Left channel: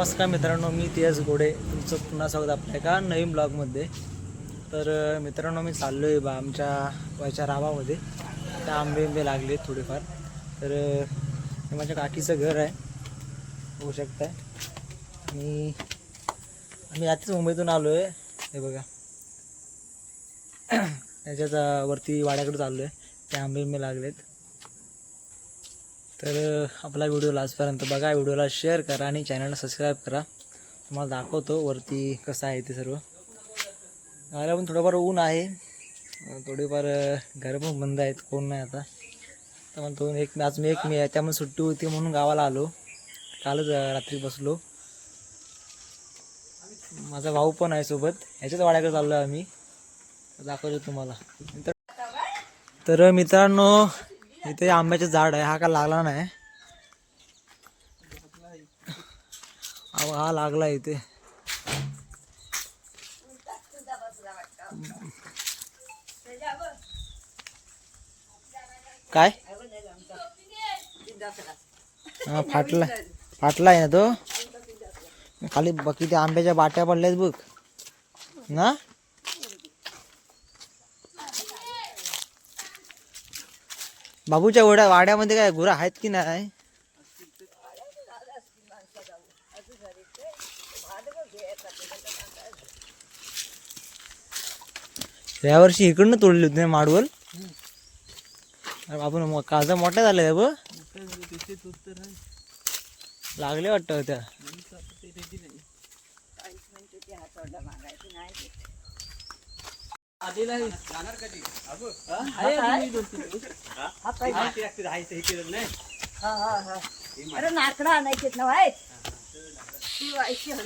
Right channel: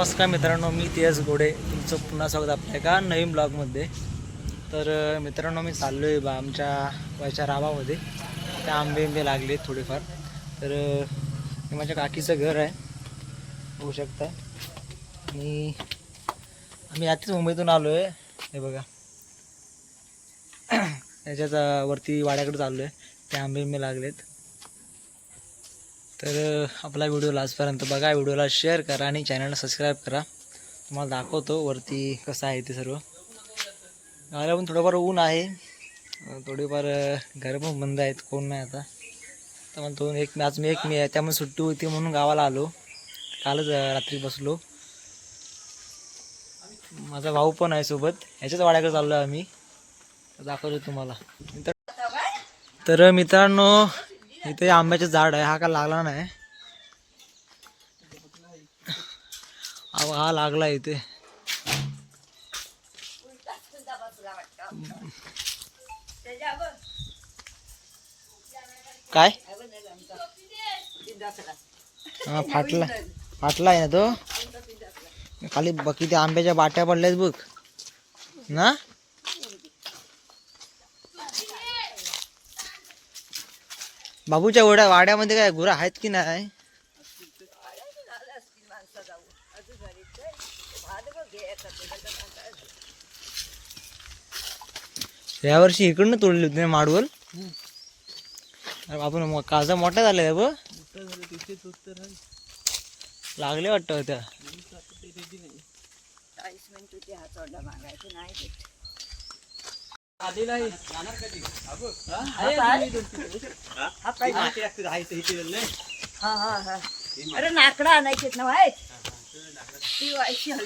नमस्कार मित्रांनो, मी तेज गोडे तुमचं पुन्हा स्वागत आपल्या एका नवीन ब्लॉगमध्ये. तर मित्रांनो, मी चाललो आहे आमच्या वयच्या रावामध्ये. त्या आंबे लागले थोडेफार. तर हे माझ्या काकीचं घर आहे, होऊ शकतं. आणि आम्ही आधीच मुंबईतून आलो आहे. हे बघा याच्यात वरती वाड्याकडे चाललो आहे. ते आंबे लागलेत. तर आपला व्हिडिओ लास्टपर्यंत बघा, व्हिडिओला शेअर करा आणि चॅनलला सबस्क्राईब करा. तुम्हाला दाखवतो वरती कसं आहे ते सर्व. गावाला पण थोडंफार ऊन आहे, थोडेफार घरं पण बंद आहेत, कोण नाही आता. तर म्हणतो आज मी आहे, त्यामुळे सुट्टी होती म्हणून गावाला आलो. कालच रात्री बसलो. माझा भाऊ पण आहे सोबत, ह्याच्याच वाड्याकडे चाललो आहे आम्ही. दाखवतो तुम्हाला. तर मित्रांनो, इथे आंब्याचे झाड आहे. हा का लागला नाही, हा लागला इथे. काय हा फाटला आहे ना तो. खाली बाकी त्या आंब्याच्या बाट्या पडल्यात बघ ना. बाबूच्या वाड्यामध्ये काय गुरा आहेत की नाही? यावर्षी इकडनं तोडली होती माडवल. आपण काजा मोठ्या झाल्या बघ, लागले वाटतं होत्या.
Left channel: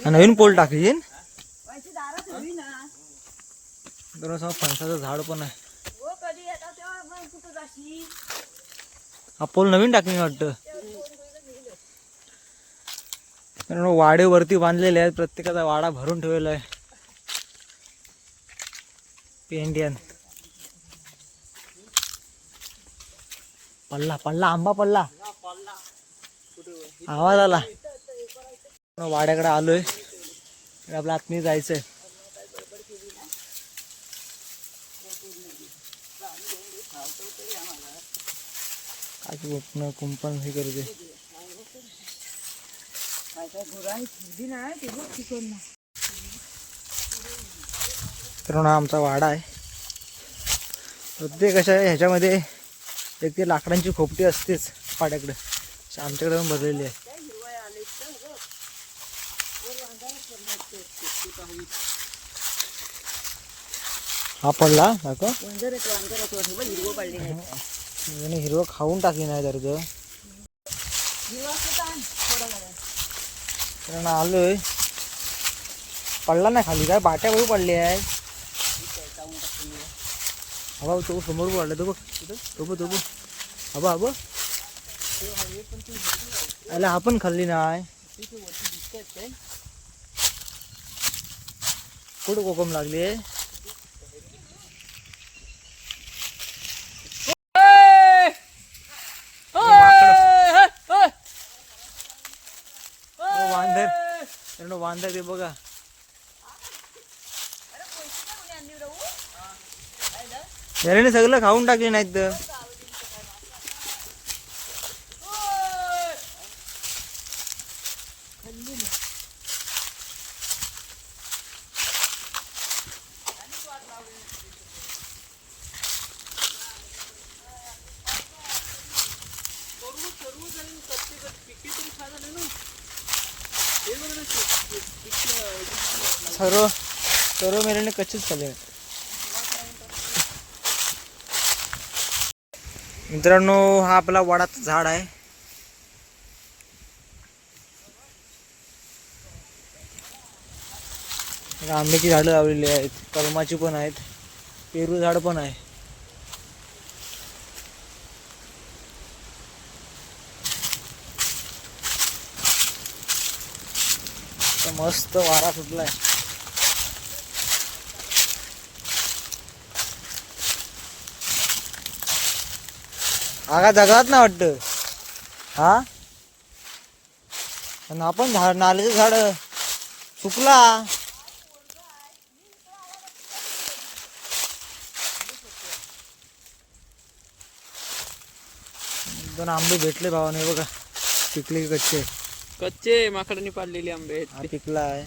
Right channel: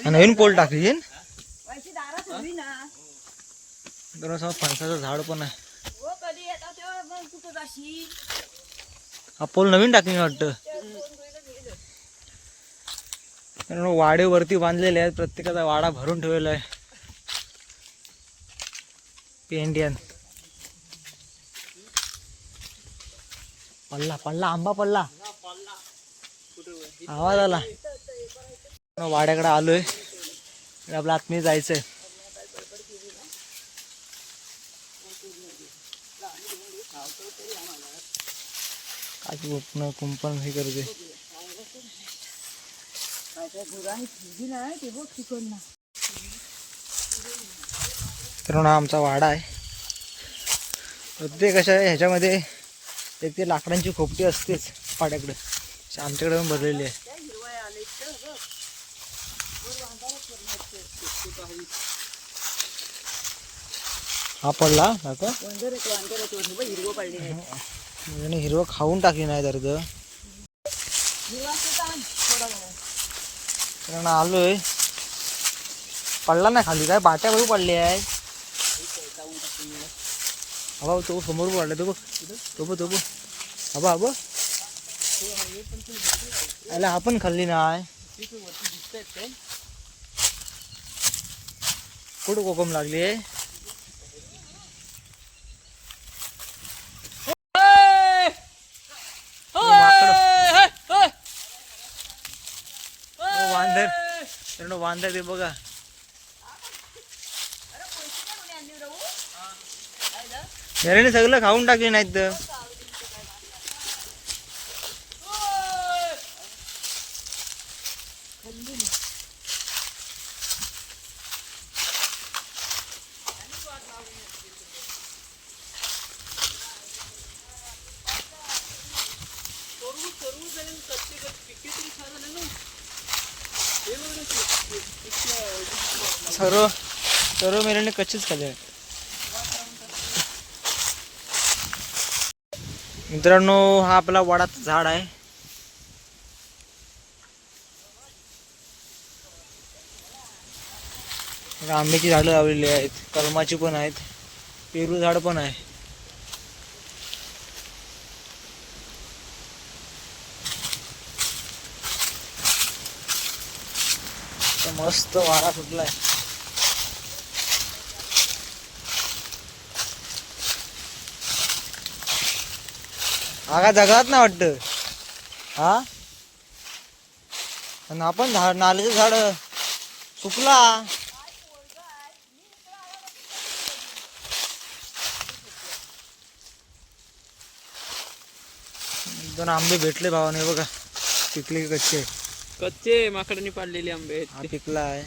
नवीन पोल टाकली. फणसाचं झाड पण आहे. हा पोल नवीन टाकली वाटतं. वाडे वरती बांधलेले आहेत, प्रत्येकाचा वाडा भरून ठेवलेला आहे. पेंडियन पल्ला आंबा पल्ला, आवाज आला. वाड्याकडे आलोय, आपल्या आतमध्ये जायचंय. काय कुंपण हे करते. तर आमचा वाडा आहे. प्रत्येक अशा ह्याच्यामध्ये एक ते लाकडांची खोपटी असतेच वाड्याकडे. आमच्याकडे पण भरलेली आहे. हा पडला आता हिरवं खाऊन टाकली नाही तर आलोय. पडला नाही खाली, काय बाट्या बघू पडली आहे. हवा तो समोर पडला तो बघ, तो बघ. हवा अरे आपण खाल्ली नाही. कुठं कोकम लागली आहे? वांदर ते बघा. याने सगळं खाऊन टाकले नाहीत. सर्व मेल्याने कच्चेच खाल्ले. मित्रांनो, हा आपला वडाचं झाड आहे. आंब्याची झाडं लावलेली आहेत, कलमाची पण आहेत, पेरू झाड पण आहे. मस्त वारा सुटलाय. आगा जगात ना वाटतं. हा आणि आपण झाड नाल्याचं झाड सुकला. दोन आंबे भेटले भावाने बघा. पिकले कच्चे कच्चे माकडांनी पाडलेले आंबे आहेत हा ते. पिकला आहे.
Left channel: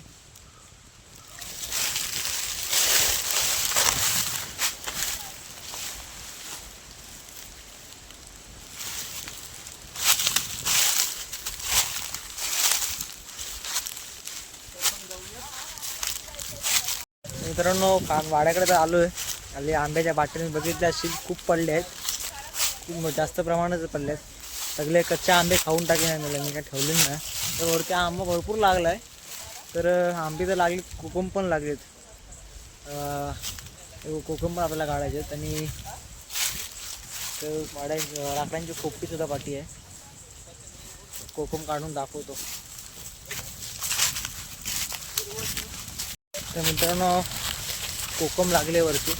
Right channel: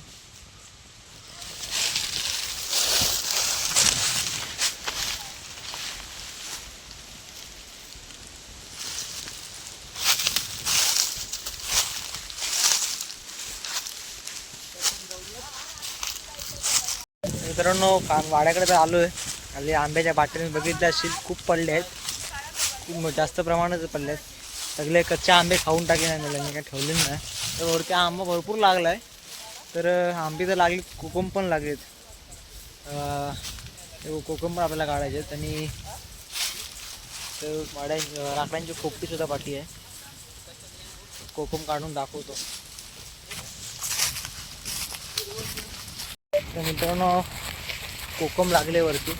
मित्रांनो वाड्याकडे तर आलो आहे. खाली आंब्याच्या बाटल्या बघितल्या असतील खूप पडले आहेत. खूप जास्त प्रमाणात पडले आहेत. सगळे कच्चे आंबे खाऊन टाकेन आणले मी काय ठेवले नाही. तर वरती आंबा भरपूर लागला आहे. तर आंबे तर लागले कोकम पण लागलेत. कोकम पण आपल्याला काढायचे आहेत. आणि तर वाड्या लाकडांची खोपटीसुद्धा पाठी आहे. कोकम काढून दाखवतो. तर मित्रांनो कोकम लागले वरती.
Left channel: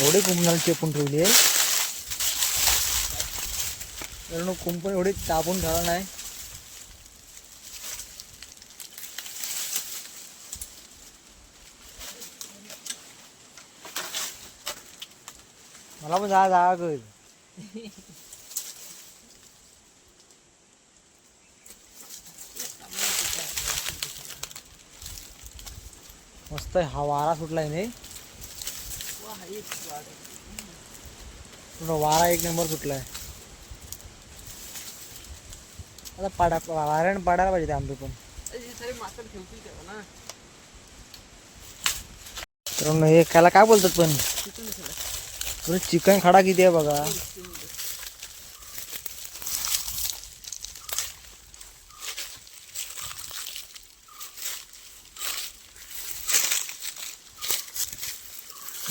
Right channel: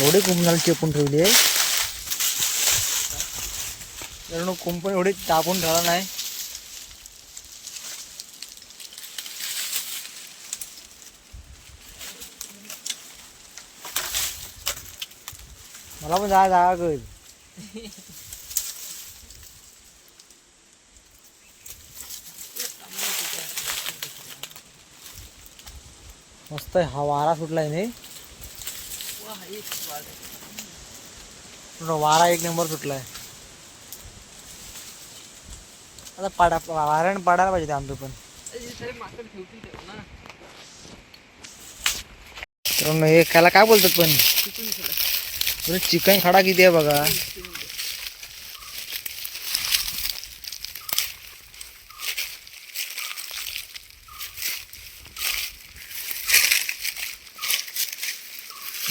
एवढे कुंपणाला चेपून ठेवली आहे. कारण कुंपण एवढे तापून ठेवला नाही. मला पण जागा कर. मस्त हा वारा सुटलाय नाही. वारा एक नंबर सुटलाय. आता वाऱ्याने पाडायला पाहिजे ते आंबे पण. तर हे त्याला काय बोलतात पण चिकन खडा किती आहे बघा.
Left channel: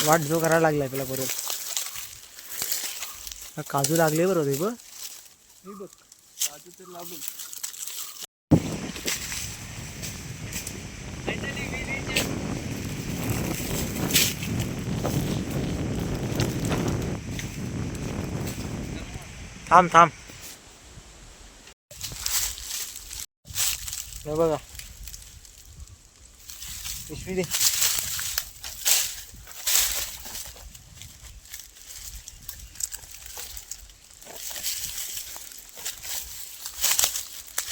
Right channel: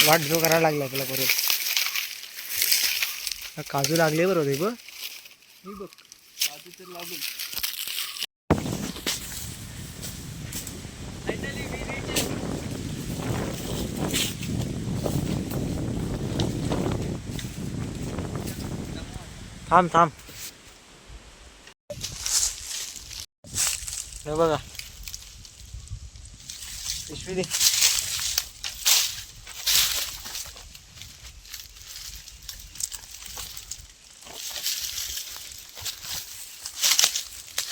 वाट जो करायला लागलाय त्याला बरोबर. काजू लागले बरोबर हे बघ. काजू तर लागून थांब थांब. हे बघा पिशवी दे.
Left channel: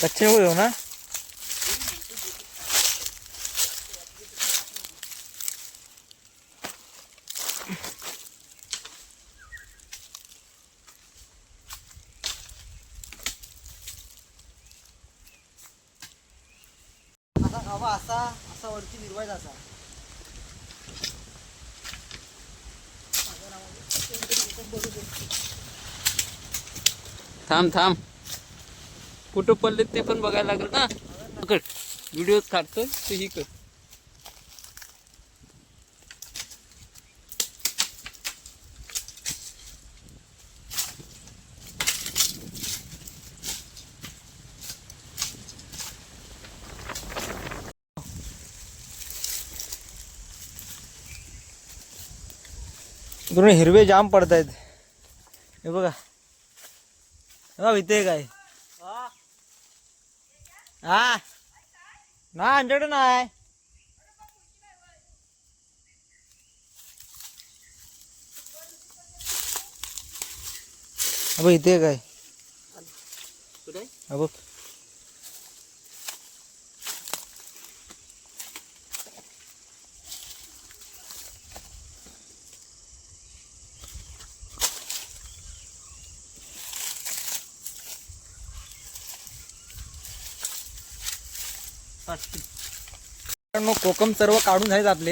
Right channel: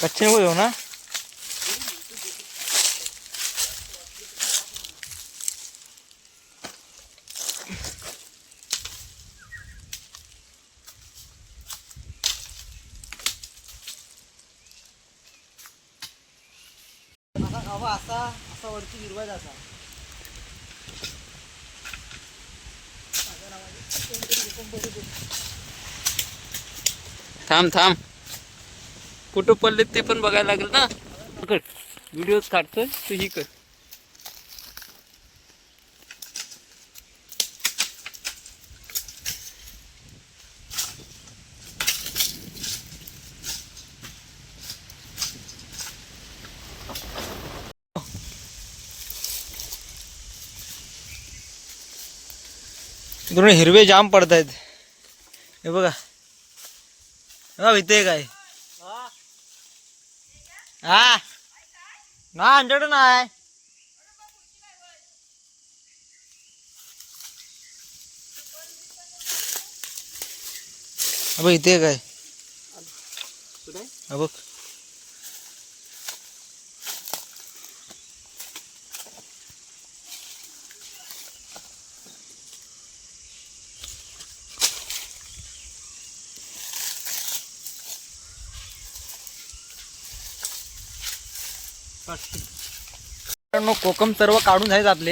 कच्चे नको देऊ ना. असा असा वरती गिरवायचा असा. थांब थांब. कुठं पडले ते पण बघायला लागेल ना. कर व्हिडिओ काढतोय तू ही कर. दोन हिरवे जाम पडतायत. हे बघा इथे काय हा ना आमच्याकडे नाही. अब इथे काय बघ. मित्रांनो कोकम सर्व काढून झालेत आपले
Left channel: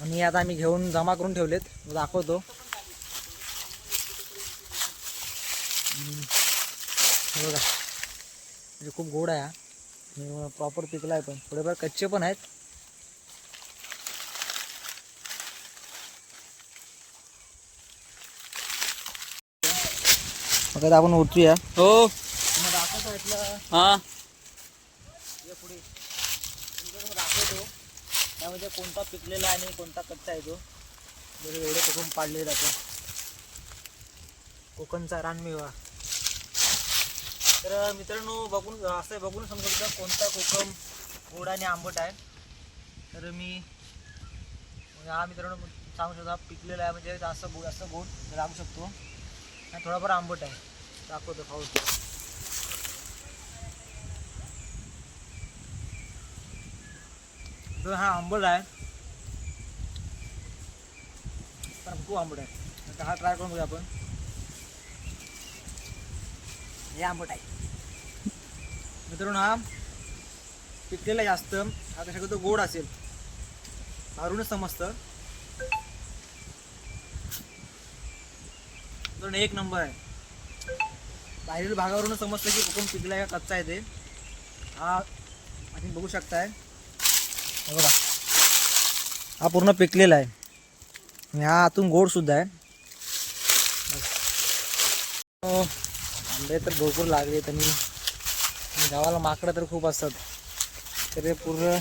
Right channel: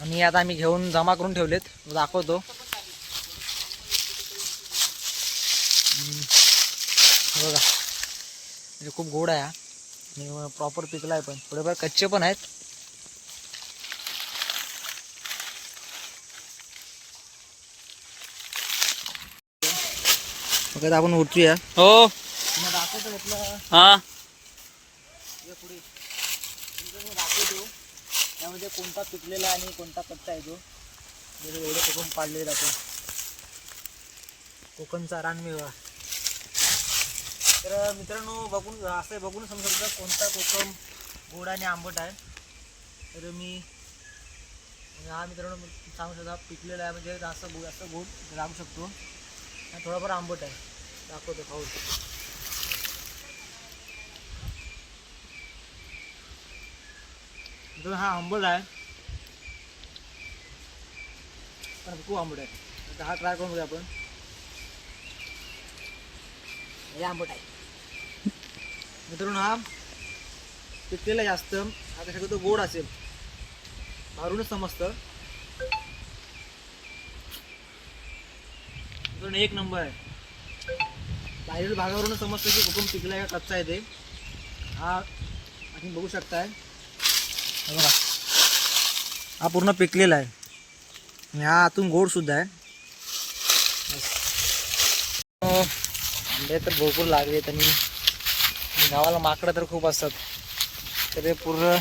आणि आता आम्ही घेऊन जमा करून ठेवलेत. दाखवतो. हे बघा म्हणजे खूप गोड आहे आणि प्रॉपर पिकला आहे, पण थोडेफार कच्चे पण आहेत. मग आता आपण उठूया. हो दाखवतो इथलं हा पुढे दाखवतो त्यामध्ये कोणता पिकलेला आणि कोणता कच्चा आहे तो. एवढे कोकम पाडले जातो. कोकमचा रानमेवा. तर मित्रांनो बघून असं बघून समजू शकता कोणता कोकम गोड आणि आंबट आहे. तर मी हा मित्रांनो सांगू शकता पिकलेला आहे म्हणजे असं गोड लागू शकतो आणि थोडाफार आंबट आहे. दाखवतो खाऊन. हा आंबट आहे पण खूप आंबट आहे. आता हा ट्राय करून बघूया आपण. हे आंबट आहे मित्रांनो. हा पिकलेला जास्त आता शक्यतो गोड असेल मारूनच समजतं. मित्रांनो एक नंबर आहे. बाहेरील भागावरूनच समजतं की कोकम पिकला आहे का कच्चा आहे ते. हा तुम्ही बघू शकताय. बघा हा पूर्ण पिकलेला आहे. ह्या आतून गोड सुद्धा आहे. आंबे तर भरपूर लागलेत आणि गावाला माकडं तर खूप असतात. तर हे पूर्ण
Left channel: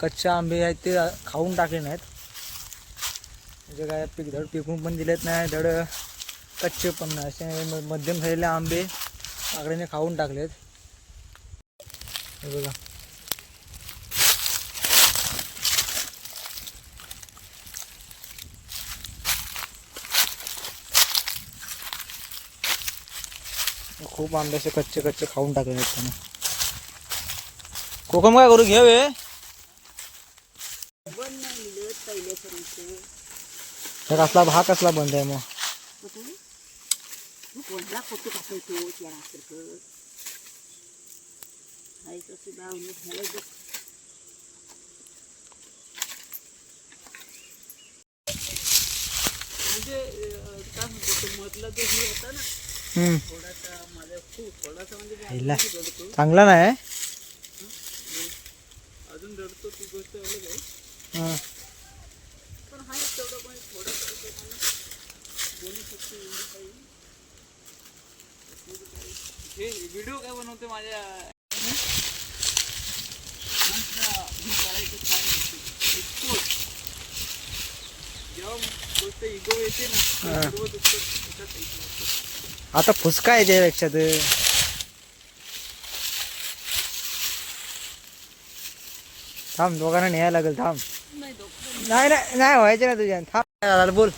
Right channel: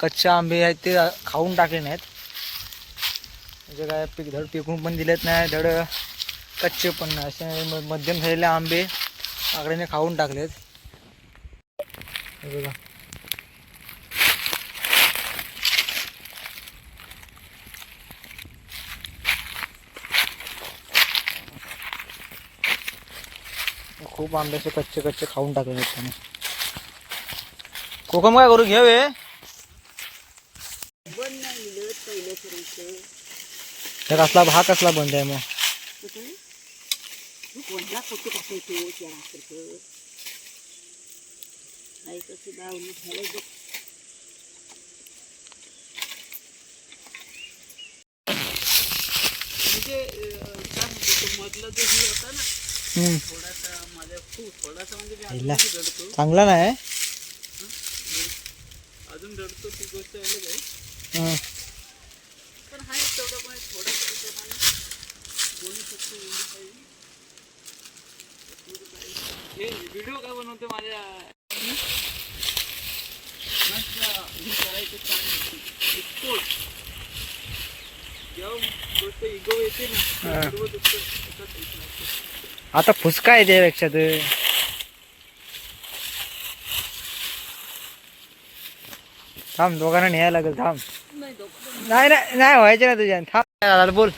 कच्चे आंबे आहेत ते खाऊन टाकले नाहीत. म्हणजे काय धड पिकून पण दिलेत नाही, धड कच्चे पण नाही. असे मध्यम झालेले आंबे माकडाने खाऊन टाकलेत. हे बघा खूप आंबे असे कच्चे कच्चे खाऊन टाकले त्याने. कोकम काय करू घ्यावे. कसला हा कसला बंद आहे मग. म्हणजे काय म्हणतो मधला जो हे होता ना थोडासा माझ्या खूप थोडासा म्हणजे मी अजून रडतो. चांगला नाही. अजून रडतो ती गोष्ट अलग आहे. पण हा तेवढं पण थोडासा प्रमाणात बोलू शकतो एवढी काही. हे व्हिडिओ काय बनवतो माझ्या करायचं काम जेव्हा गोष्ट इगो येते ना सर्व आता फुसका आहे त्यापेक्षा तर. थांब दोघांना न्यायला लागेल. थांब नाही नाही नाही व्हायचे ना तुझ्या. थांब बोल.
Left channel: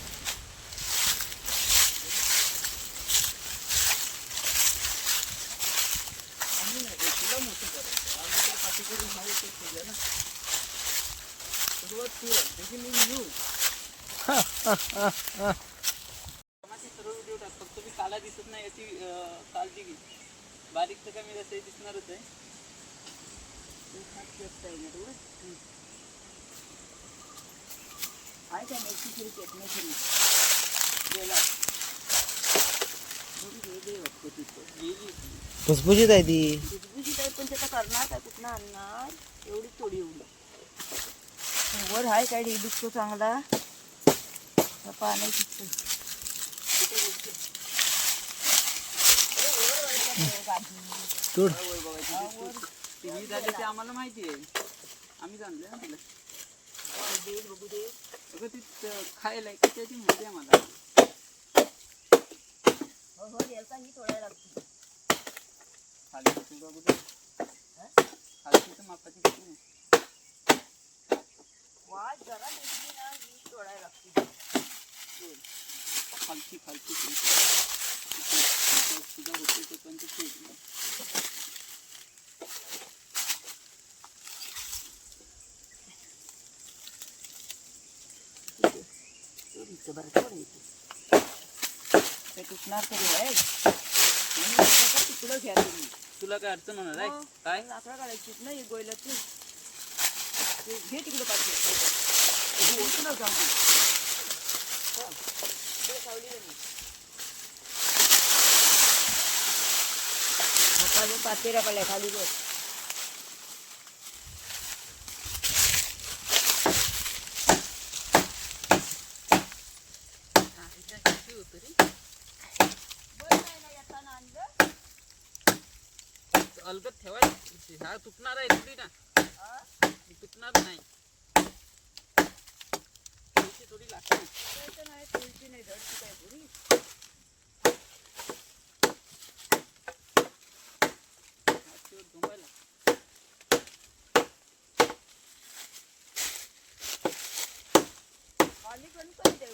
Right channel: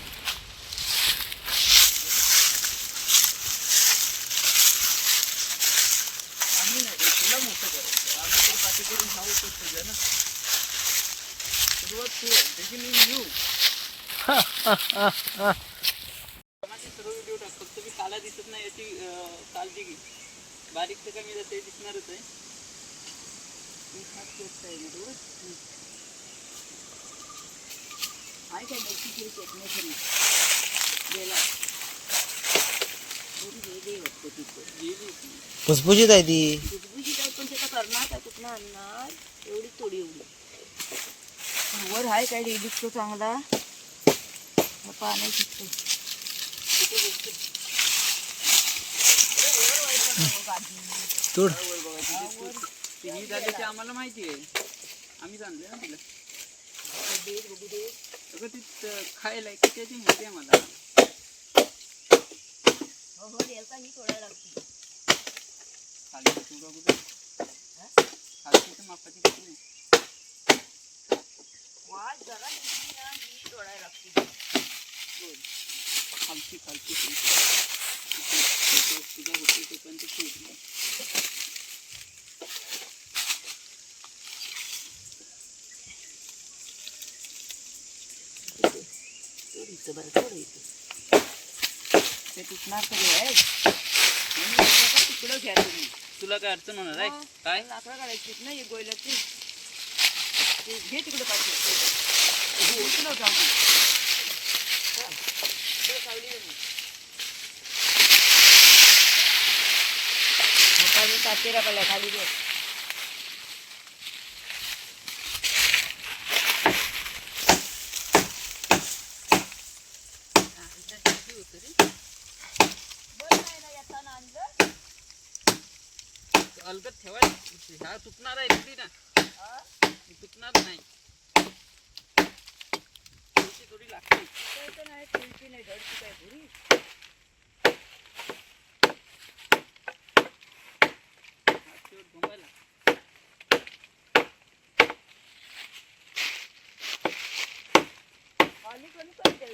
सर्व व्हिडिओ टाक. फक्त मी काला दिसत नाही याची काळजी घे. बारीक तर कमी ते दिसणारच आहे. फुसफुशीत आहे ती. भुसभुशीत आहे पण त्याचा करणार काय कुठनं आणणार. एवढी थोडी एवढी वर आहे काय दिसतो चांगला पाण्याची तोड. ही झाली ते आम्हाला माहिती आहे. आम्ही जाणले ना तिला बघू दे. अगं ती खायला त्याची माहिती आहे मला. ही तोडायला लागते. खाली बघू दे. खाली तर मापाची किती नाही. वाज जरा दिसली ना ही तोडायला लागते. खालची खालची तुझा होते तो पण ते ठीक. ते तुटणार तरी आहे. तुकडं घ्या तुम्ही. तुला काय अडचण होणार आहे काय. लाकडं काढायची नाही गोयल्याची. घे तिकडे पाठी इकडं जाऊ दे. चल, तिकडे सावली आहे मग. हाताने पातेरा काढला खाली बघ. अलगद ठेवायची हा तुटणार आहे थोडी ना तुटणार नाही थोडी लागते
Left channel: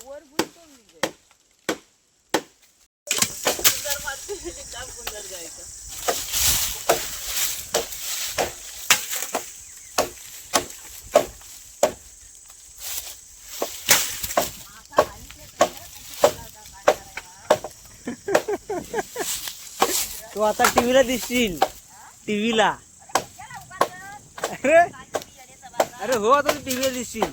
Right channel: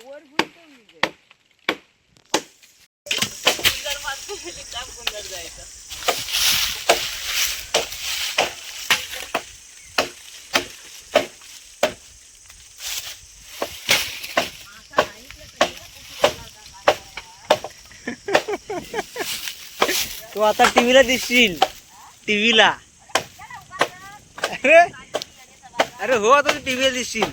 वर गुंतवून जायचं तू आता टीव्हीला दिसशील टीव्हीला. अरे अरे हो आता तू टीव्हीला दिसशील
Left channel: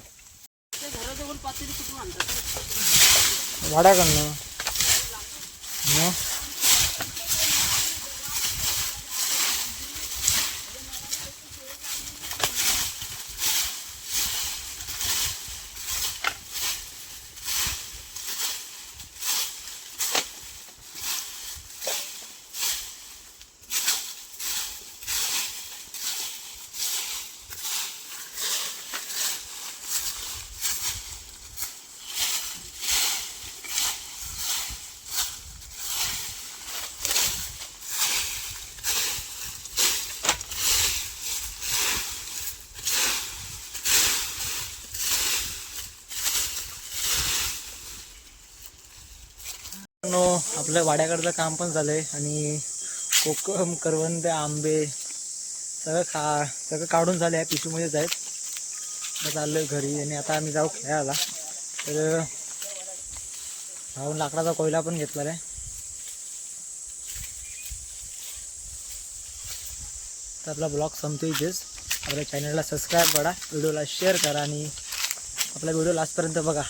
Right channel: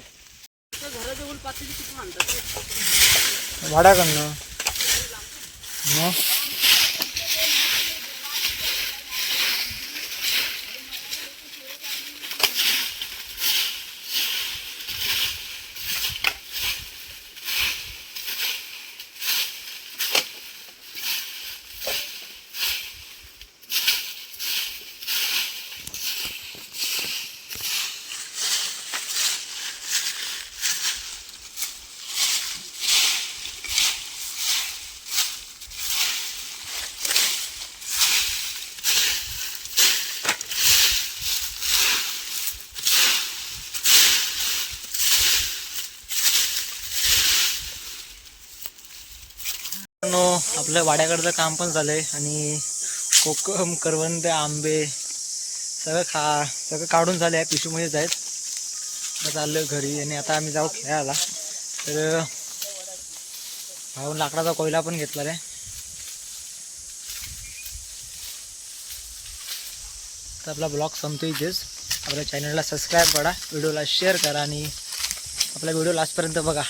घराजवळ पातेली कुठून आणतात भाड्याकडनं. मग आपलं वाड्याकडचं काम पण झालंय आणि कोकम करवंद आंबे सगळं काढून झालं आहे. पिशूमध्येच आहेत. आता चाललोय घरी आणि आता आम्ही जाऊ खेळायला. तर भाऊन लाकडाचा कोयला पण घेतला आहे. तर आपला ब्लॉग संपतो इथेच. आपल्या चॅनलला सबस्क्राईब करा, व्हिडिओला शेअर करा आणि आपला व्हिडिओ लास्टपर्यंत बघा.